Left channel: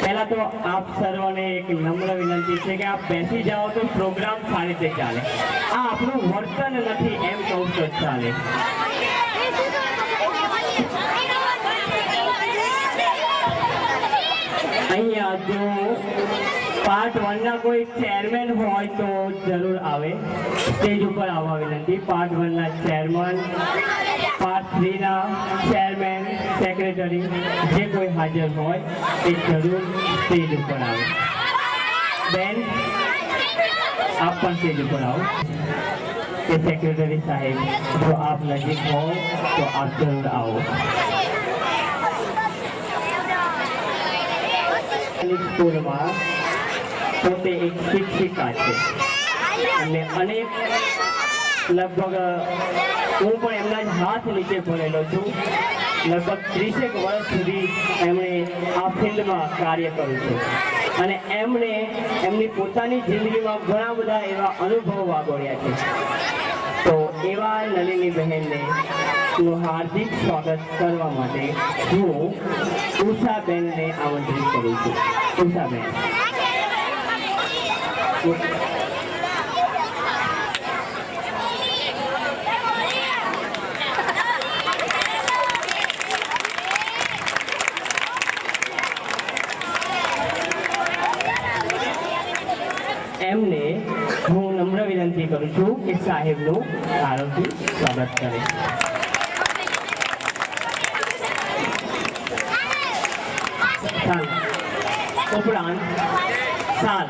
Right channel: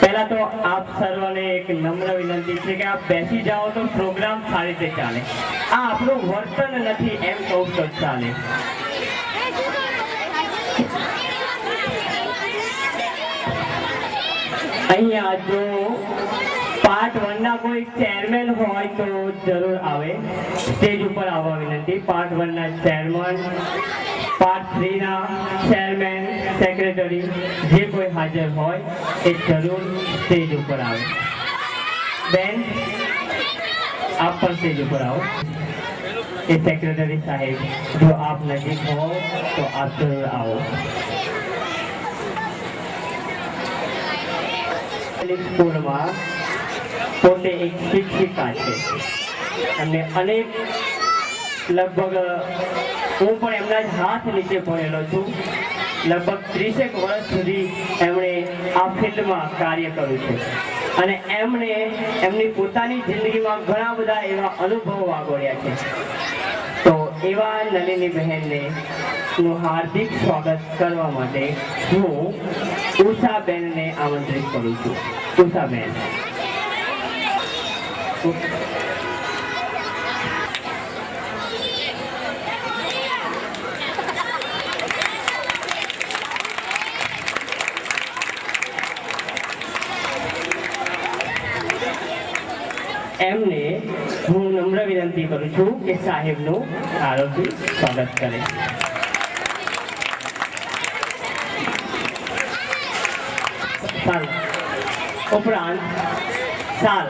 पहला तो आप सर्वने एक नम्र विनंती है कि आप बैसी जाओ तो प्रोग्राम सारी રીતે ચાલે આ આપણું વર્તન નથી એમ કહું તો ચાલે અહીંયા જો पार्ट 1 ना कोई चेयरमैन होय तो जरूर आवे स्टेज ऊपर आवा विनंती पार्ट 1 ना चेयरमैन पार्ट 3 ना चेयरमैन सेक्रेटरी जे कोई हाजर होय ए जरूर स्टेज ऊपर आवे बेन आप पर स्टेज ऊपर आओ ए सेक्रेटरी साहेब जो आप नजीक हो तो आप जरूर आओ स्कूल में પોતે એક શિક્ષિકા છે અને અનેક લગભગ હું પણ એમના જ હાથ નીચે ભણેલો છું લગભગ 30 વર્ષ સુધી એમણે આ ફિલ્ડમાં કાર્ય કર્યું છે અને એમણે એમની પોતાની જિંદગીમાં ઘણા બધા એવા અનુભવો વાગોળ્યા છે તો એવા નલિની બહેનને હું હાર્દિક સ્વાગત કરવા માટે હું ઉષાબેનને આમંત્રિત કરું છું ઉષાબેન એમને હું નમ્ર વિનંતી કરું છું કે સાહેબનું આરોગ્ય સ્વાગત કરે સાલ ઉપરાંત સાલ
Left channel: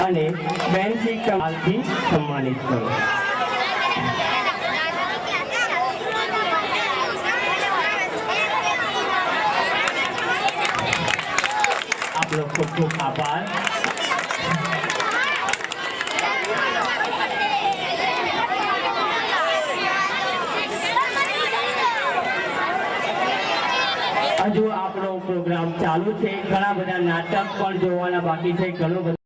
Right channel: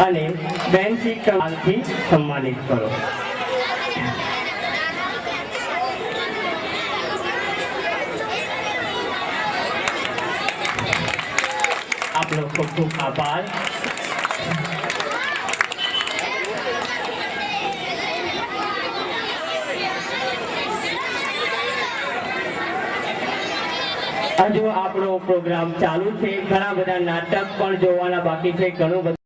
અને બેનથી કમાલથી सम्मानित करो आप लोग को खूब आभार हजू आपनो प्रोग्राम चालू है घना बधा नाटक पण जोवाना बाकी है घणो